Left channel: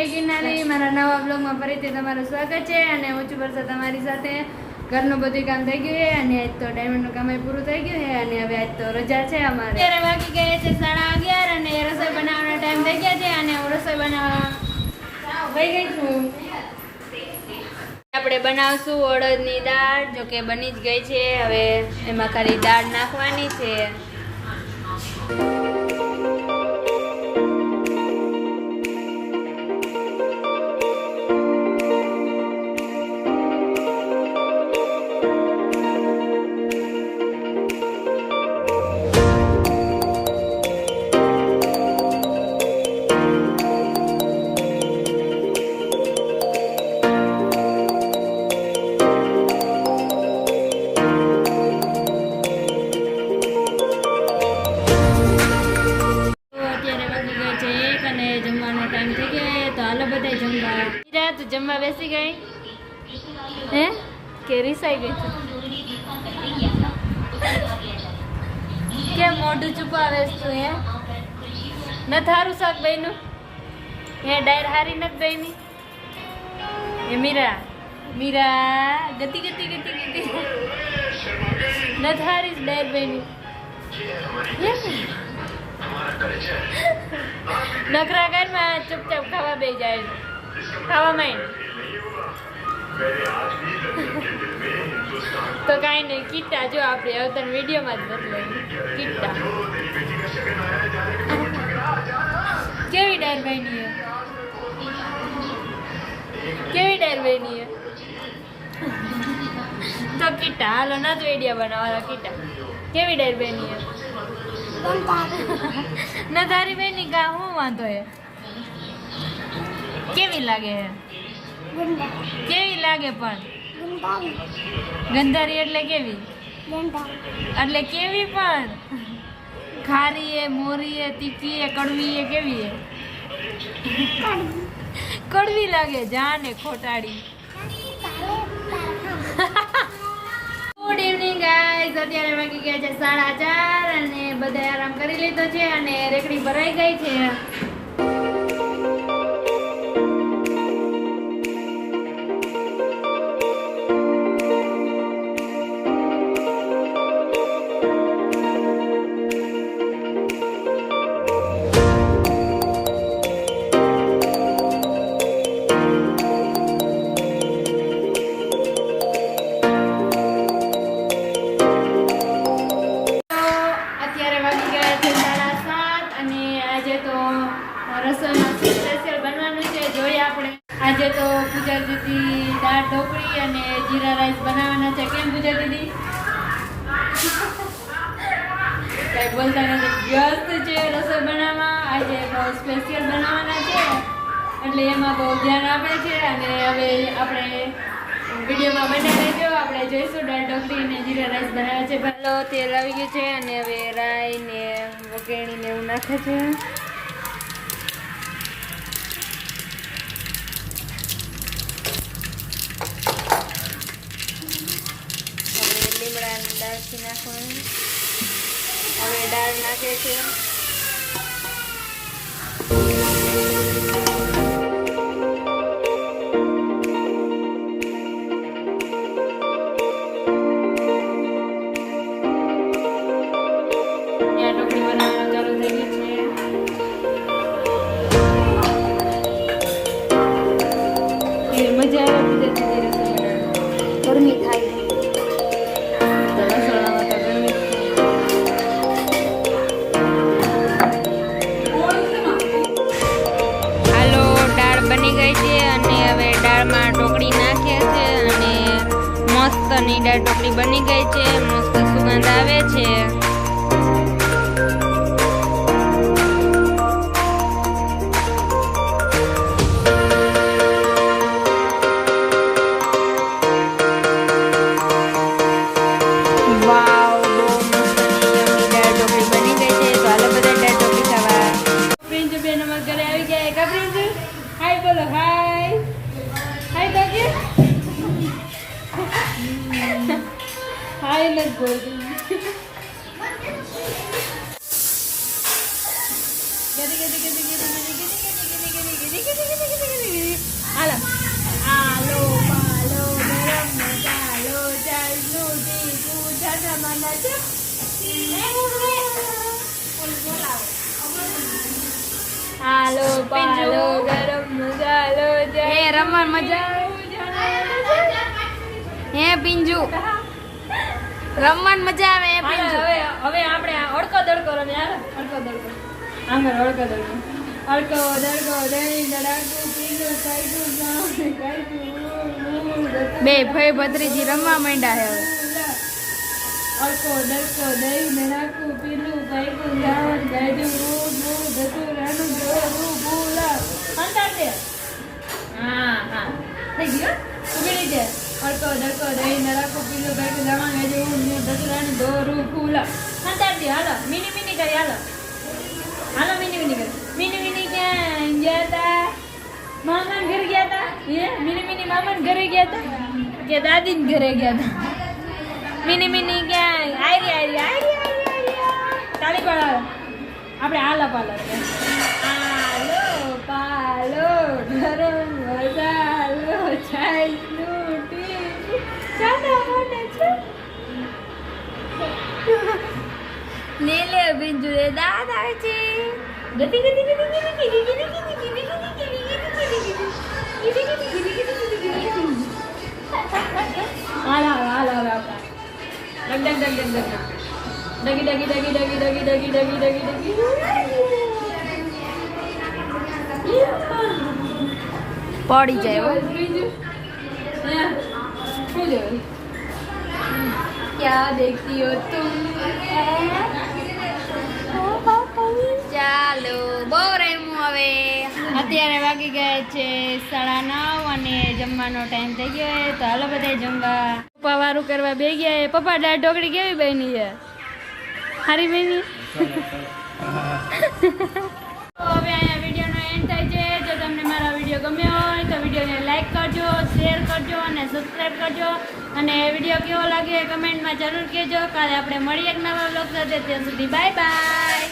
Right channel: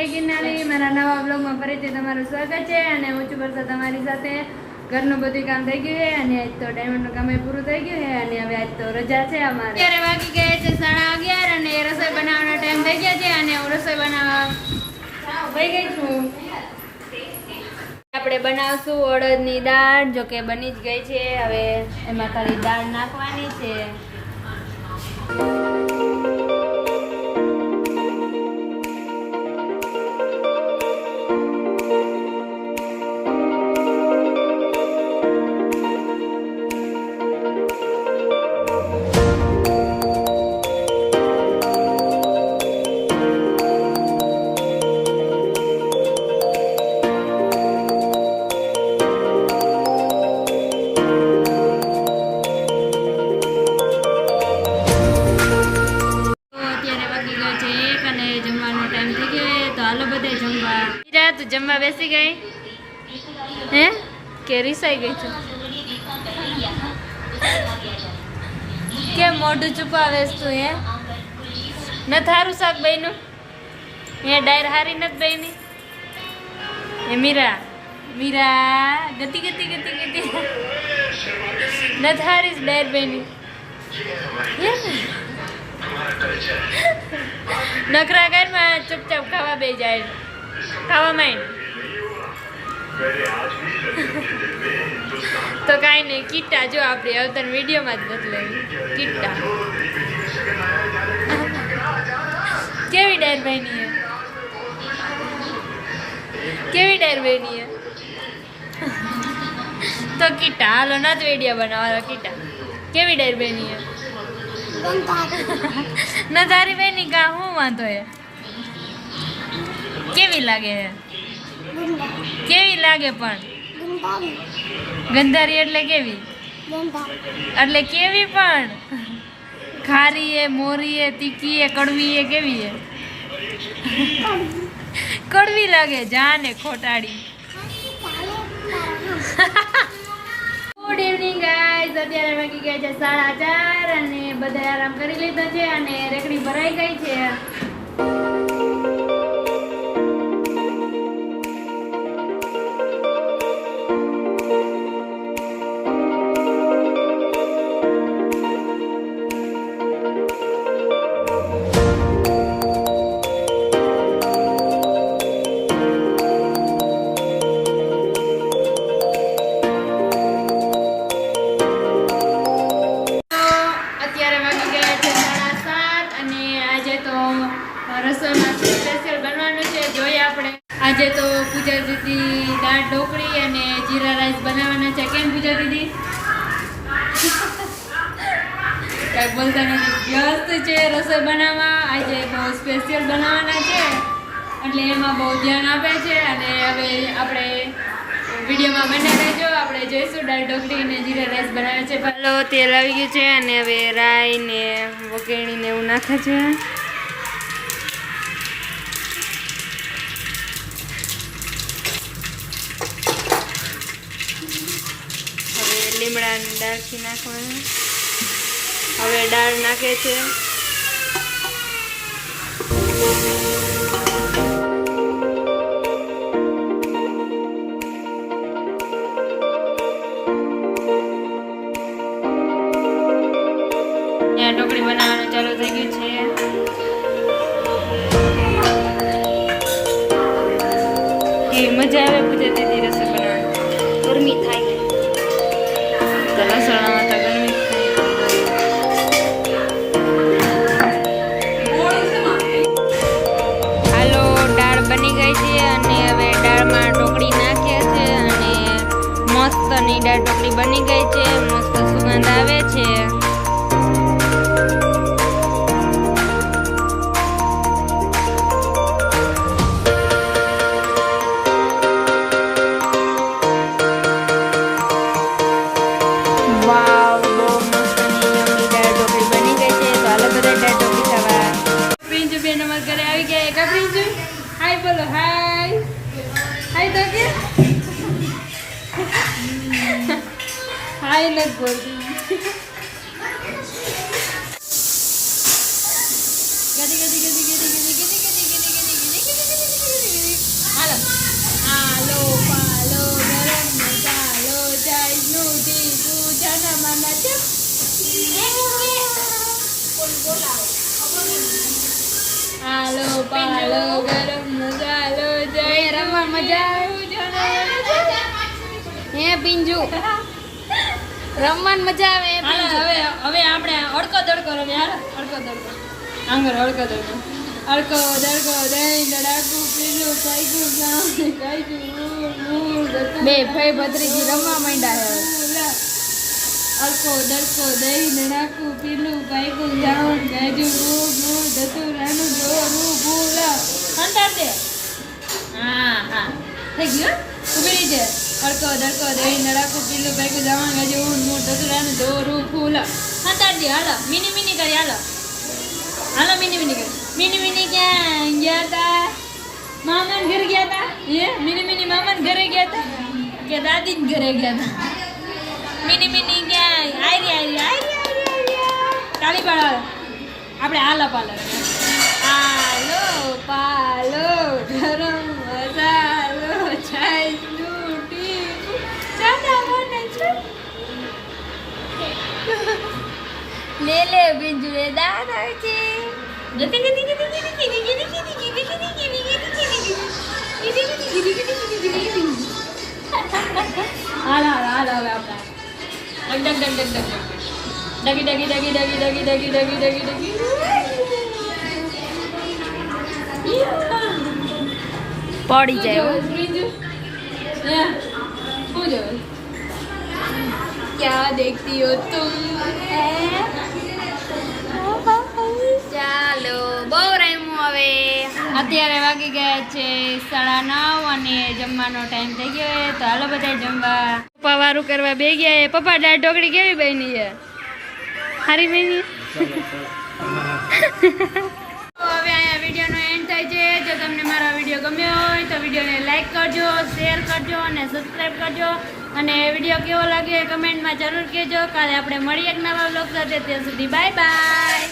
જય ગિરનારી મારા નવા બ્લોગમાં ફરીથી તમારું સ્વાગત છે અને હું છું વર્ષા તમારી સાથે ઘરનું બધું કામ થઈ ગયું છે અને આજ તો ડાયમંડનું કામ પૂરું થઈ ગયું છે અને હવે આજ તો રજા છે અમારે અત્યારે વાગી ગયા છે 11:30 અને રસોઈ બનાવવાનો ટાઈમ થઈ ગયા છે અને હું રસોઈ બનાવવા વહી ગઈ છું। આપણે બનાવશું અડદની દાળ, જો કે બની જ ગઈ છે, હવે એમાં ખાલી દાળ નાખવાની છે। જમવાનો ટાઈમ થઈ ગયો તો હાલો બધા જમવા। હીરા તું જમવા બેસી ગઈ હે કે રીસાઈ ગઈ છે? કેમ મોઢું છુપાવેશ તું? હે ન થારું શાક બન્યું? હે ડાયર હારી નથી બની? હે મીરા મીરા ગતિ ગતિ ગતિ ગતિ ન થારી ડાયર બની? નખરા ઘરમાં ચૂપચાપ ખાવા બે જાય, ખાવા માંડ તો કાંઈ નહીં। કીટા જો આપણે અવતર વિડીયોમાં જ બદલાય કીટા કેવી ડાયર બની હે, કેવી ડાયર બની હે તો કીટા હાલો નથી વિડીયો બનાવવાનો। કીટા કેવી ડાયર બની હે? ન તારી બેની કા હું વાંધો હે? કેવી લાગે હે? કેવી લાગે પણ? ગંધારી એટલે કેવી? એટલે કેવી પણ? ખારી હે, મોરી હે, તીખી હે, કડવી હે, કેવી હે? કડવી લાગે જાને ખોટાડી। ગુડ ઇવનિંગ ગાઈઝ, અત્યારે વાગી ગયા છે 4:30 અને બધા આરામ કરી લીધો છે અને રેકડી ભરાઈ ગઈ છે। રસોઈમાં સ્પેશિયલ બનવાનું છે, જોઈએ આપણે। આજે તો પૂજા દીદી દાળ ઢોકળી અને જીરા રાઈસ બનાવવાના છે। કેમ પૂજા દીદી? કાંઈ બોલતા નથી, વ્યસ્ત છે રસોઈ બનાવવા। આજે બહુ સ્પેશિયલ બનાવવાના છે એટલે એમાં બહુ ધ્યાન આપે છે અને હવે આપણે વિડીયોમાં બને રહેજો, આપણે જોઈશું દાળ ઢોકળી અને જીરા રાઈસ બનાવે છે। પહેલો તેલ આવી ગયું છે અને હવે રાઈ ને વઘાણીને એવું નાખે છે। લીમડાની દાળથી નાખવાનું, હવે દાળ નાખે છે। ત્યાં ઢોકળી બનાવવાનું ચાલુ થઈ ગયું છે। એ મજા આવે પૂજા દીદી રસોઈ બનાવવાની, ગરમી થાય ને રસોડામાં તો ગરમી થાય। હાલો દાળ બની ગઈ છે અને હવે દાળમાં ઢોકળી નાખીએ છે અને મસ્તની દાળ ઢોકળી બની ગઈ છે, મસ્ત સુગંધ આવે છે। વાવ, બહુ મસ્તની યમ્મી દાળ ઢોકળી બની ગઈ છે, તો હાલો બધા દાળ ઢોકળી ખાવા। પ્રિન્જુ બેન અમારા ઘરે આવી ગયા। કા પ્રિન્જુ હાય બોલો, હાય હાય તો કે હાય નથી બોલતી। ગદી ગદી ગદી ગદી ગદી ગદી ગદી ગદી ગદી ગદી ગદી રમવા મજા આવે હે પિંજુ રમવાની મજા આવે હે પિંજુ હવે આપણે અડકો દડકો રમે યાર અડકો દડકો આંગર અડકો દડકો અડકો દડકો દહીં દડાકું પીલું પાઈકું ગામ કાઈકું બે ભાઈ ભત્રીજી રમવા માંડ્યા હે હવે અડકો દડકો દહીં દડાકું પીલું પાઈકું ગામ ગાજુ ધતુરાનું જોરું ભૂલા અંતર દે હા થઈ ગયો ઉગડી છે અડકો દડકો દહીં દડાકું પીલું પાઈકું ગામ ગાજુ ધતુરાનું જોરું ભૂલા અંતર દે હાલો મિની કરી હાલો મિની ક્યાં ગયા તા મામાન ઘરે ગયા તા મિની મામાન ઘરે ગયા તા કે દાદીન ઘરે ગયા તા મિની ક્યાં આયરી તાળી પાડો આપણે હાલો પાલો ગરમ મસાલો છાઈનું ટીપું ચાના મને છે લે બિંજુરે દાદા છે હાલો હવે આપણા ડગી પડી જાય હો શું જોયું क्या देखती हो तुम ચાલો બહુ રમ્યું હવે અત્યારે વાગી ગયા છે 9:30 અને જમવાનો ટાઈમ થઈ ગયો છે તો હાલો બધા જમવા પપ્પા વારું કરવા બે ગયા પપ્પા દાળ ઢોકળી કેવી બની છે સારી બની તો હવે અહીંયા વિડીયોનો એન્ડ થાય છે જો તમને મારો વિડીયો ગમ્યો હોય તો વિડીયોને લાઈક કરજો શેર કરજો અને સબસ્ક્રાઈબ કરજો અને વિડીયો કેવો લાગ્યો એ કમેન્ટમાં જરૂર કહેજો કાલે આપણે મળીએ એક નવા બ્લોગ સાથે ત્યાં સુધી બાય બાય